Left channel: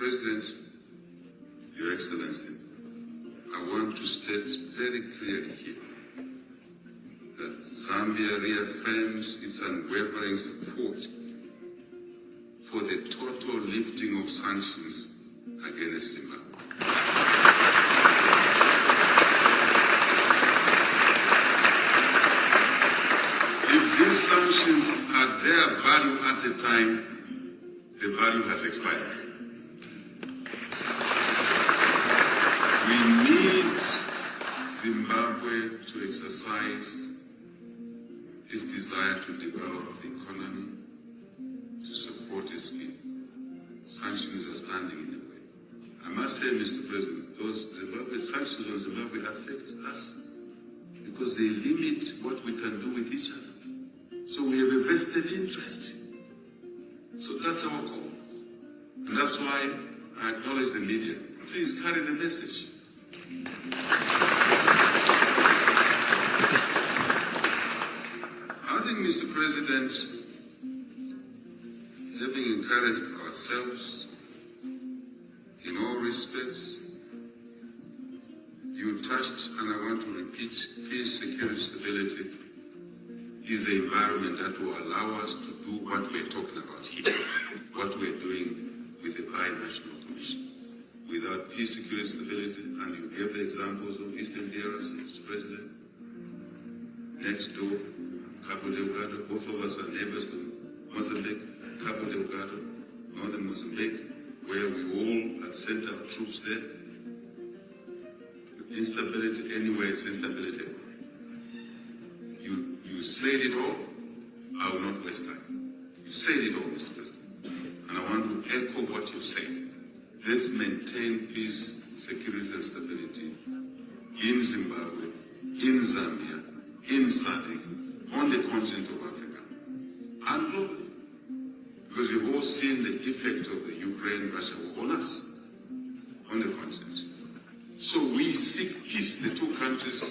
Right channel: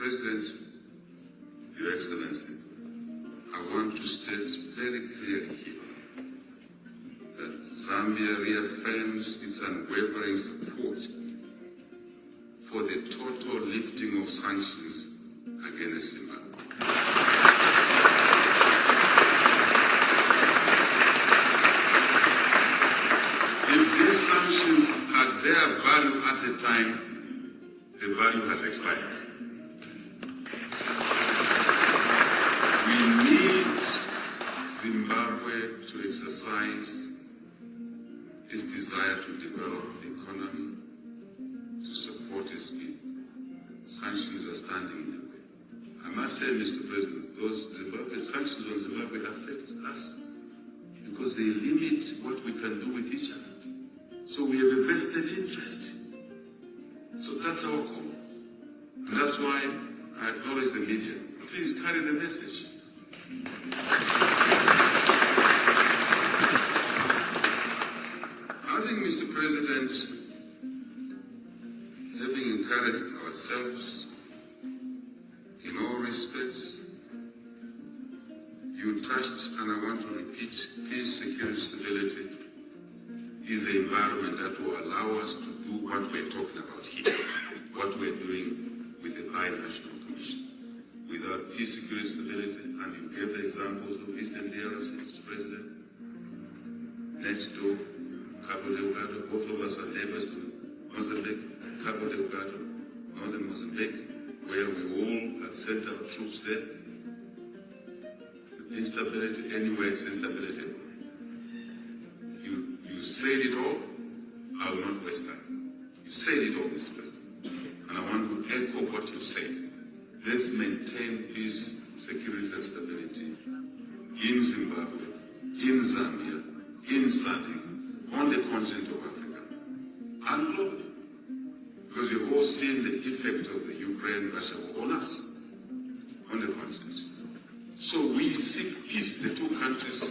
President, Your Excellency, I want to state very clearly here that Zambia reaffirms its unwavering support for the total lifting of sanctions against Zimbabwe. If these sanctions had their value at the time, the value has expired. We need Zimbabwe to exercise its desire to develop the economy, to support its people. Sanctions are standing in the way. I must say, Mr. President, those sanctions on Zimbabwe affect us because they limit what we can do with each other. So we have a vested interest. So that's our call. And that's why I acknowledge the media. Please carry the message. I think, Mr. President, having encouraged ourselves in all respects, you touched, and I want to repeat, peace, security, stability is the environment that will allow us to do what we're talking about here, what we're doing with the Binational Commission. Without peace, security, stability, and you gave the examples of Eastern DRC, Mr. President, next door, Cabo Delgado, both of us are neighbors to Mozambique, Cabo Delgado, northern Mozambique, where we all had sent our troops there. Instability, anywhere it's instability. You said it all, I will not waste time. You said it all, Mr. President. And I want to echo what you said. Let's maintain peace, security, and stability in Zimbabwe, in Zambia, in SADC, on the continent of Africa, and globally. Because we've all seen the effect of the Ukraine-Russia war on us, on the continent. So we seek peace. The two countries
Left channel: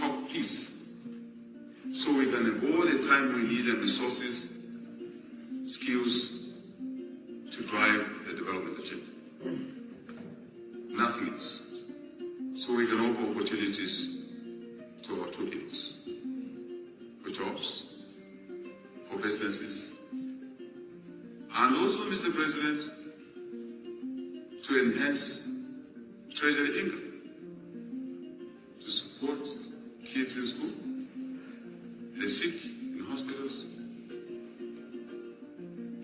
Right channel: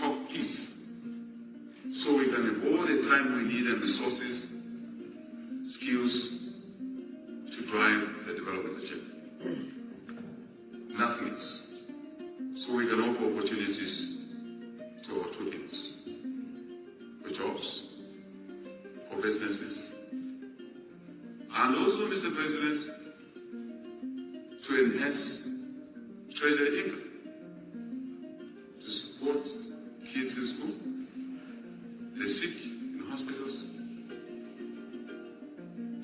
talk peace. So we can have all the time we need and resources, skills to drive the development agenda. Nothing else. So we can offer opportunities to our two peoples, for jobs, for businesses, and also, Mr. President, to enhance treasury income, to support kids in school, the sick in hospitals,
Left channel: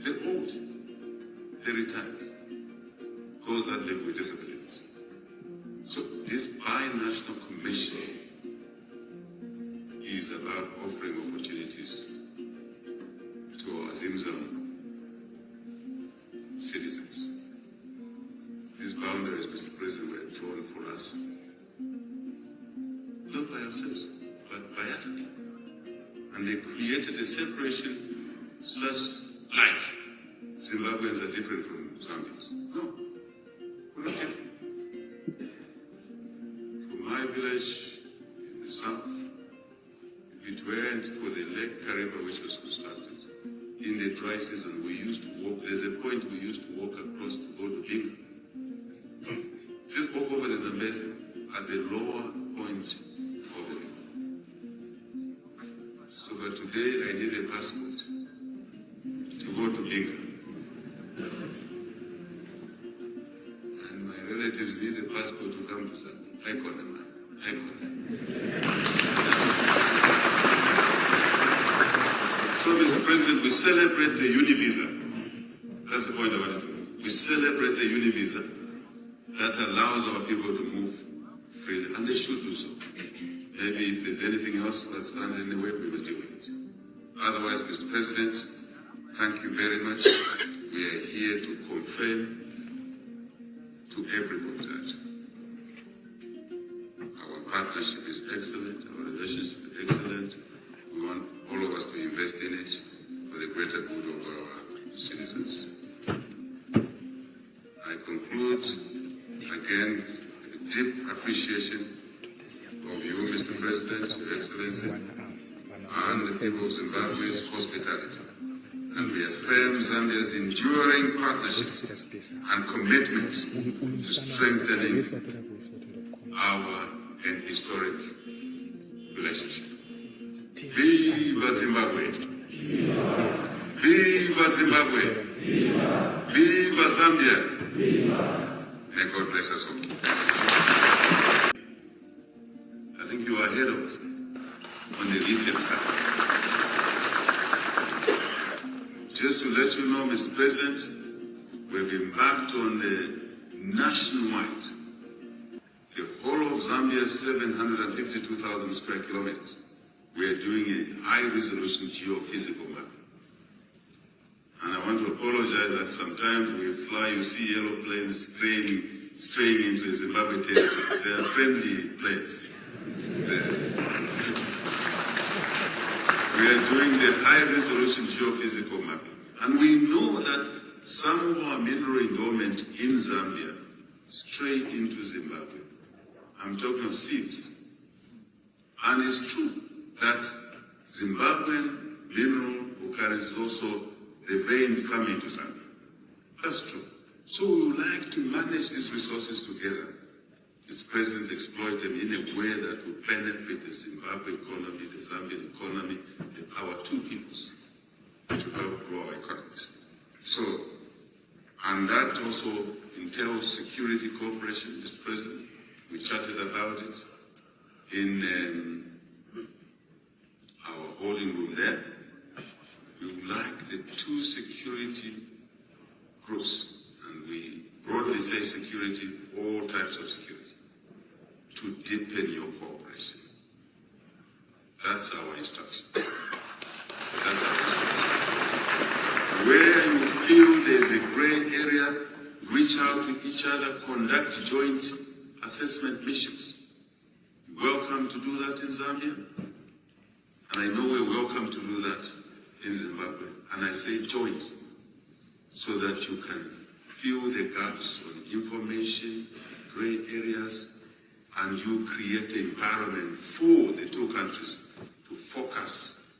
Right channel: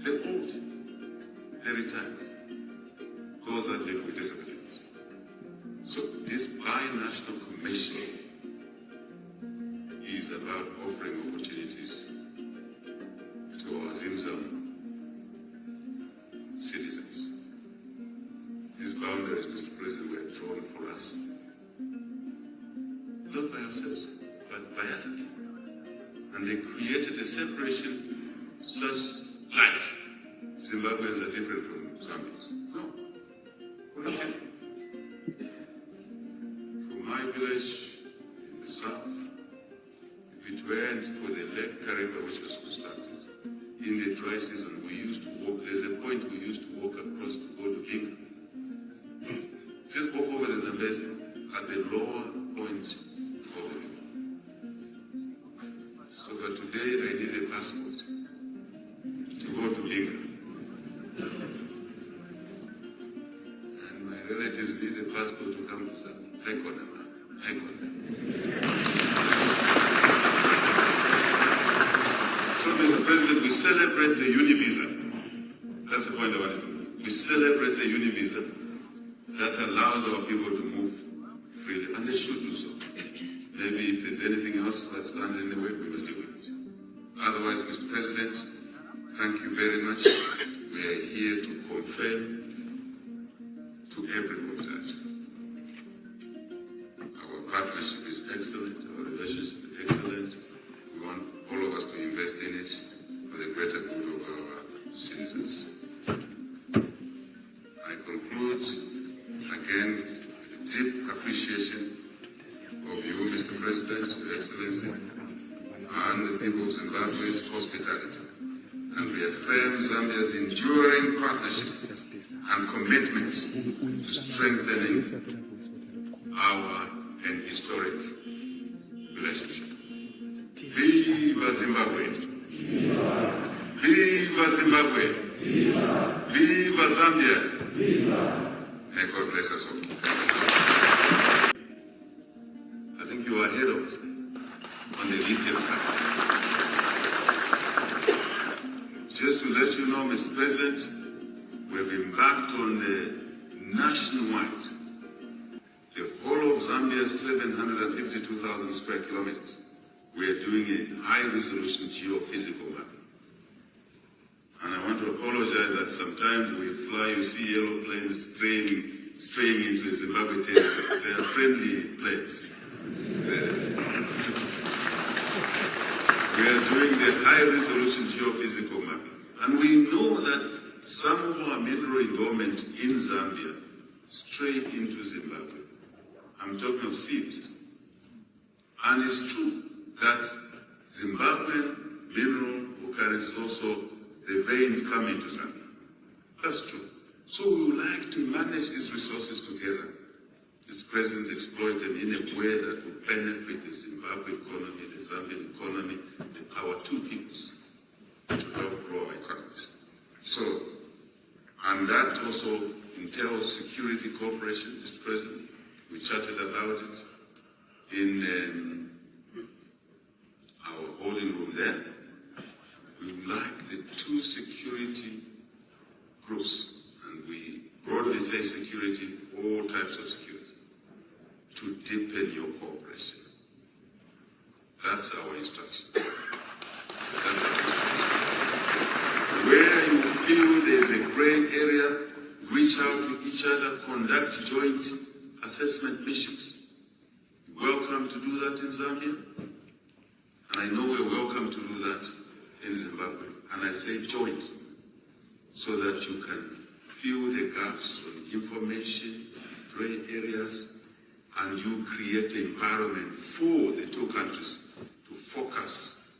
the old, the retired, those that live with disabilities. So this Binational Commission is about offering opportunities to our Zambian citizens. These boundaries, Mr. President, were drawn for us, not by ourselves, but by Africa. And they created a separation such like Zimbabweans are different from Zambians. No, we're not different. From my village in the south, it went for the Lake Kariba, which was constructed. In the dry season, we used to walk. There's a point we used to walk across to go to Burkina. Just walk over the Zambezi at the lower point of the river. So, but today I need a passport to go to Burkina. And my relatives need a passport to come to Zambia. So, Mr. President, we celebrate the Univisa. That's the point I wanted to make. We celebrate the Univisa that allows our people to move freely, and they should do so. Maybe if there's anything else that stands in the way, we must deal with it. Otherwise, Mr. President, thank you very much. We are here to confirm to everybody that our partnership is excellent, our relationship is excellent. We want all of us to invest in it for the greater good of our citizens. I conclude again with deep appreciation of you, Mr. President, Your Excellency, and the people of Zimbabwe's hospitality, and reaffirm Zambia's enduring ongoing partnership and commitment to strengthening our and historic relationship. Viva Zimbabwe! Viva Zimbabwe! Viva Zambia! May God bless us all. I think you are ahead of us on the lithium side. Just to let you know, Mr. President, we've embarked on a nationwide, the whole of Zambia's 752,000 square kilometers. We are doing a high-resolution geophysical map. And I want to apologize that sometimes we fly, you see yellow planes straying into the Zimbabwe territory. They are friendly planes. We are doing the high-resolution geophysical map. And we know that some of our mineral endowment in Zambia stray into Zimbabwe. I'm talking of seeds. And it's true that Zimbabwean mineral occurrence is also the veins coming to Zambia. That's true. So we would like to manage these resources together. Mr. President, exploit them in a way that will benefit the Zimbabwe economy, the Zambian economy, and our two peoples to help grow our economies. So, and that also entails security cooperation, Mr. President. We chatted about it in our holding room there. We would like the two security groups, and we broadly say security, all types of security, to deepen your cooperation. That's our instruction. That's our instruction. Where you feel there's a gray area, reach out to each other, conduct joint assessment missions. Welcome to do that in Zambia. And I know we're welcome to do that in Zimbabwe. And I say joint, so that you can fill the gaps on information, gray areas, and you create an environment for the two countries to focus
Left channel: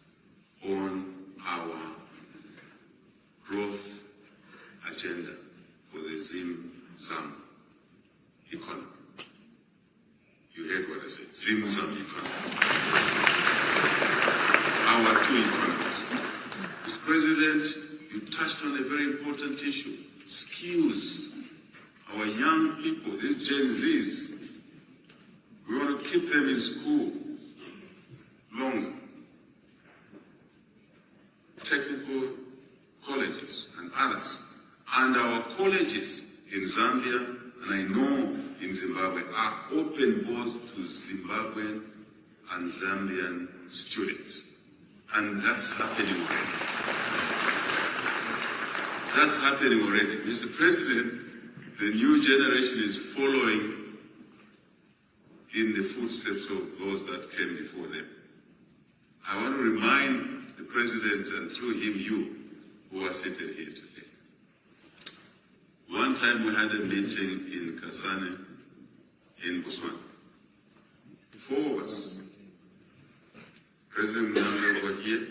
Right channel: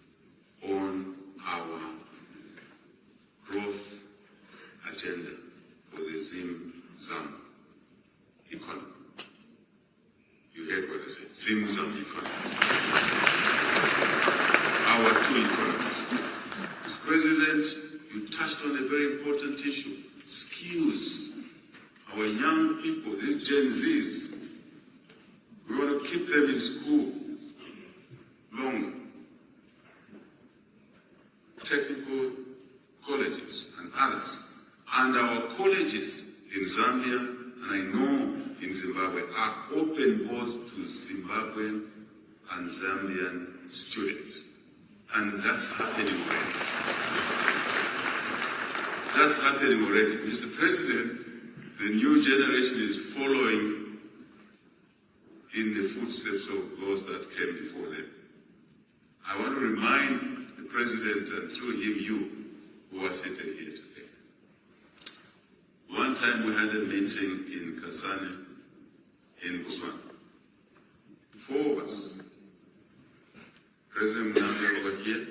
on our growth agenda for the Zim-Zam economy. You heard what I said, Zim-Zam economy. Our two economies. Mr. President, you touched on a very important issue, skills. Our young people, these Gen Zs, we want to keep them in school longer. Technical colleges and others. And our colleges in Zambia, and I know in Zimbabwe, are open both to Zimbabwean and Zambian students. And that's happening already. That's happening already. Mr. President, the new generation is following in the footsteps of those that came before them. I want to remind the President, and through him, you, who are seated here today. One time we had a meeting in Kasane, in Botswana. 4 of us. President Nanga was here.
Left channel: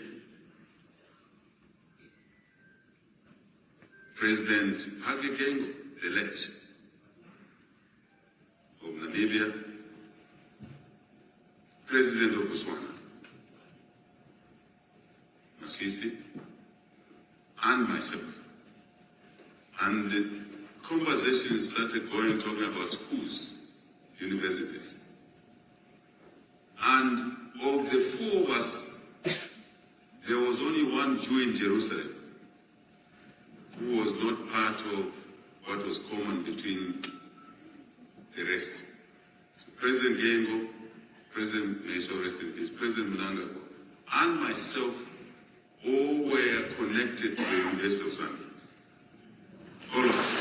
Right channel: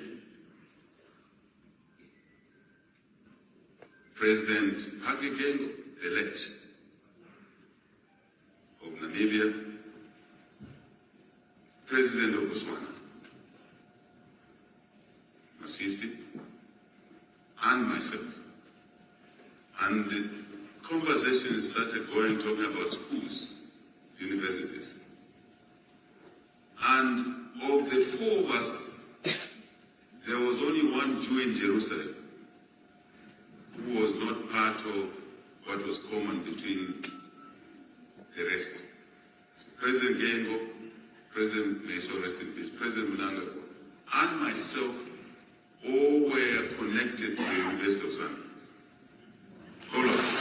President Hagegengo, elect of Namibia. President of Botswana, Masisi, and myself. And the conversation started going, talking about schools, universities. And of the 4 of us, there was only one Jew in Jerusalem who was not part of what was common between the rest. So President Gengo, President, may so rest in peace, President Mnangagwa, and myself, all were connected to the University of Zambia. All of us.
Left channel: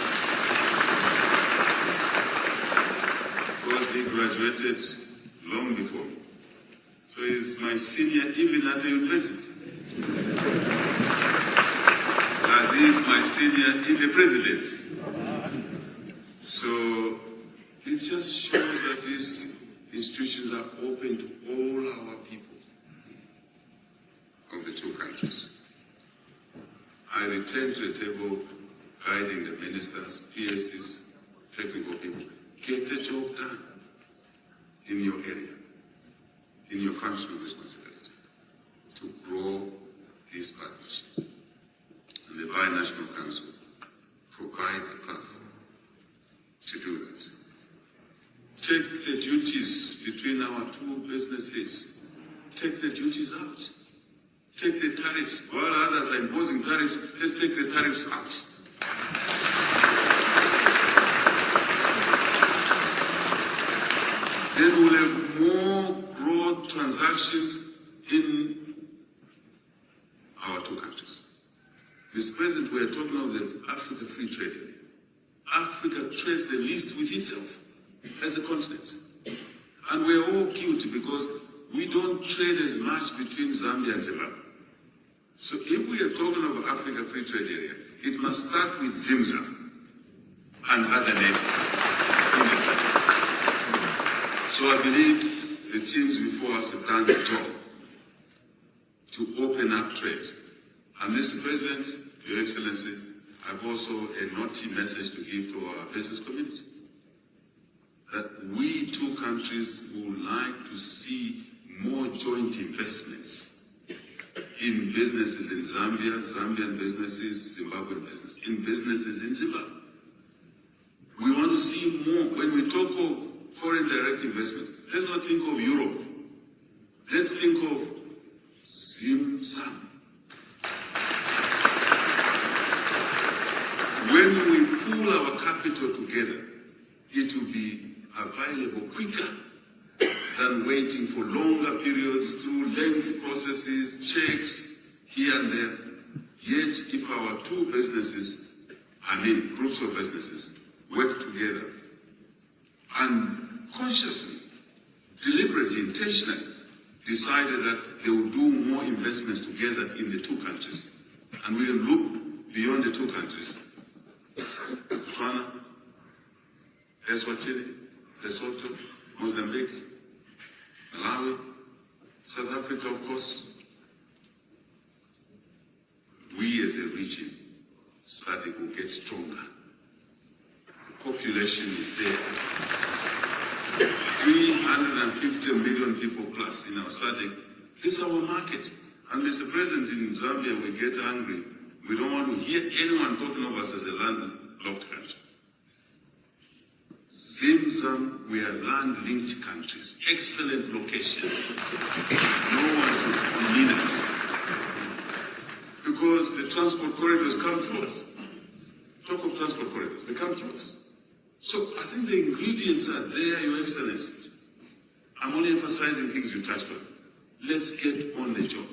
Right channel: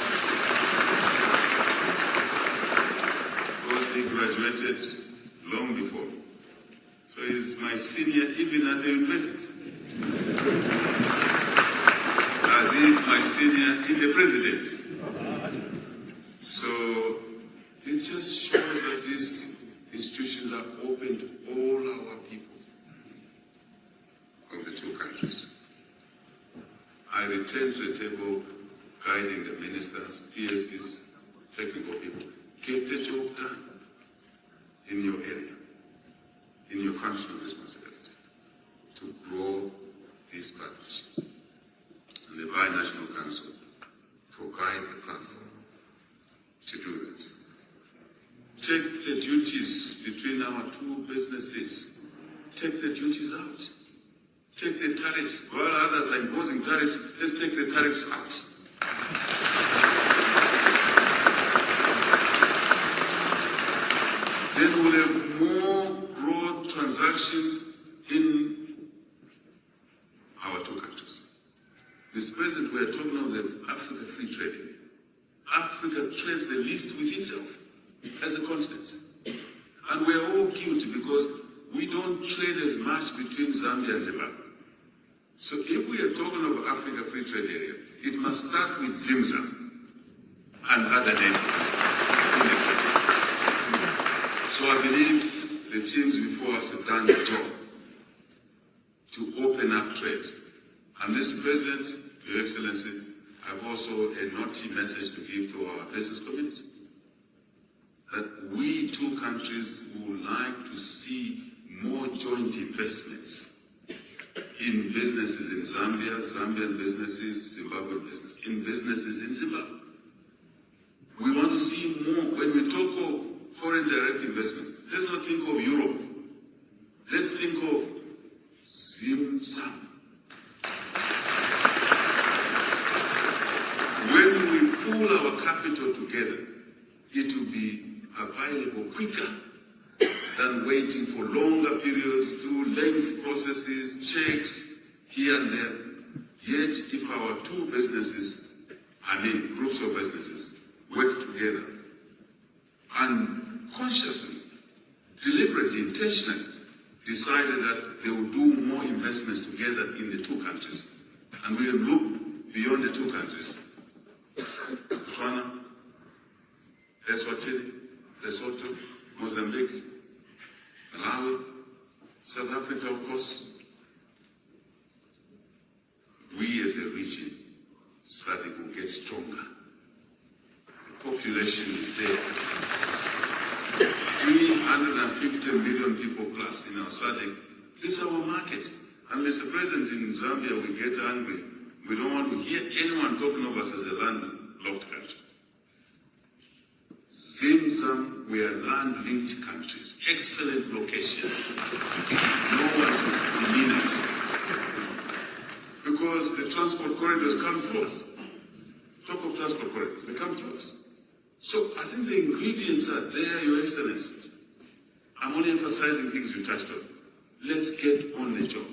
Because he graduated long before me. So he's my senior even at the university. As he is my senior in the presidency. So it just shows that these institutions are open to all our people of the two countries. I return to the table guiding the ministers, PSs, technical people. Get the job done in your area, in your functional responsibility, to grow this partnership. And the Binational Council provides a platform to do that. Take the duties between our two businesses. Take the duties out. Take the tariffs. While others are imposing tariffs, let's take the tariffs out. Then we'll have more broad transactions in our two countries. Mr. President, we are talking of the Africa Free Trade. Africa trades the least with itself as a continent. And we are all guilty because we don't trade as much between Zambia and Zimbabwe. So if we are talking of Africa Free Trade Area, it must start with Zimza and other neighbors. So I believe the teams before us have done the job to open up trade. And Mr. President, Your Excellency, I have also a naughty message to give to our business community. That we two countries would like to see more joint investments in businesses in Zambia, Zambian businesses, Zimbabwean businesses, in businesses in Zimbabwe. We want to see more. When we talk of foreign direct investment, let's not think of Europe. Let's think of Zim-Sam. When we pool our capital together, it will be available quicker than waiting for longer periods through lengthy processes, checks here and there. Yet, if our two businesses, groups of businesses, work together and consciously, deliberately, intentionally decided that they will do more investments together in the two countries, and we can look beyond the two countries. Botswana, Eswatini, Lesotho, Mozambique, Malawi, South Africa, of course. We as a region, SADC will get stronger. The population is there. 350 million people plus in our SADC. It's our market. And Mr. President, in Zambia, we get angry. We don't want to hear anyone talking of us as a landlocked country. Zim-Zam, we are land-linked countries. Excellent locations. No one can demean us. Because the transport corridors come through us. Top of transport corridors, they come through us. So I think the ingredients are there, Your Excellency. I'm only emphasizing things you touched on. Let's get on the job.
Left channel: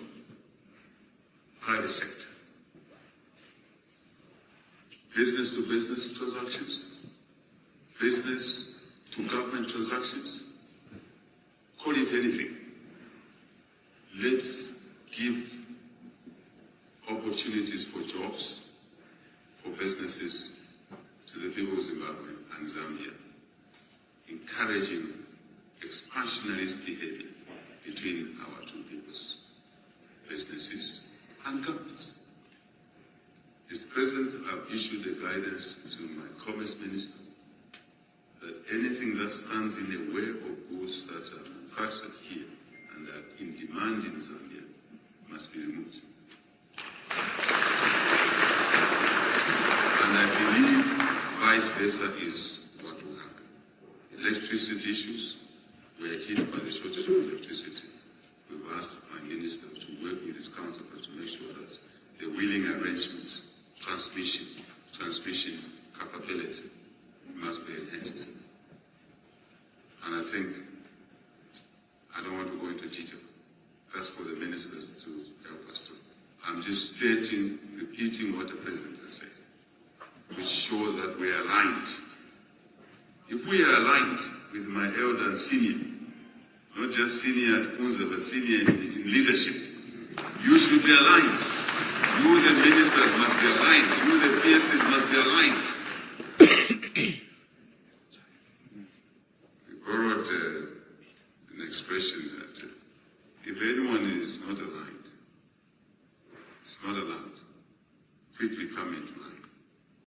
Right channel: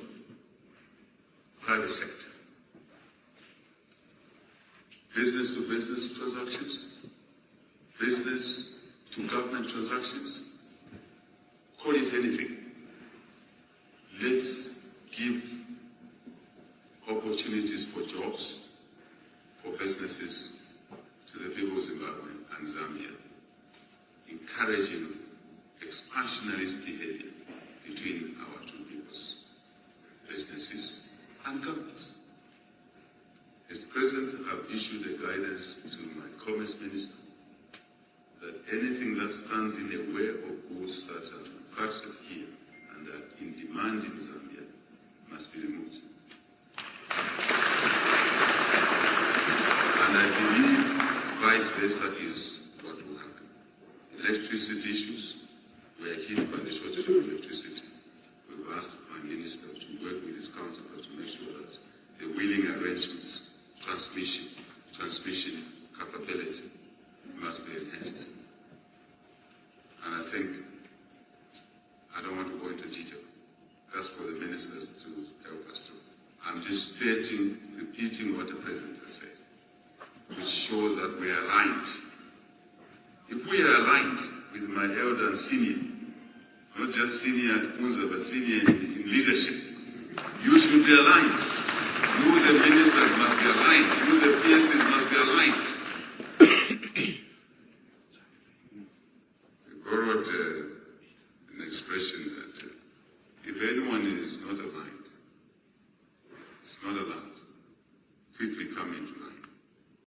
Private sector. Business to business transactions. Business to government transactions. Call it anything. Let's give opportunities for jobs, for businesses to the people of Zimbabwe and Zambia, encouraging expansionist behavior between our two peoples, businesses and governments. Mr. President, I've issued a guidance to my Commerce Minister that anything that stands in the way of goods that are manufactured here and are in demand in Zambia must be removed. And I believe vice versa is what will happen. Electricity issues, we are hit by the shortage of electricity. We've asked my minister to work with his counterpart to make sure that the wheeling arrangements, transmission capability must be enhanced. And I think, I don't want to go into detail. That's for the ministers to help us to. I'm just repeating what the President has said, which shows that we are aligned. If we are aligned with my elder and senior, not just senior at UNZA, but senior in leadership, you should be aligned.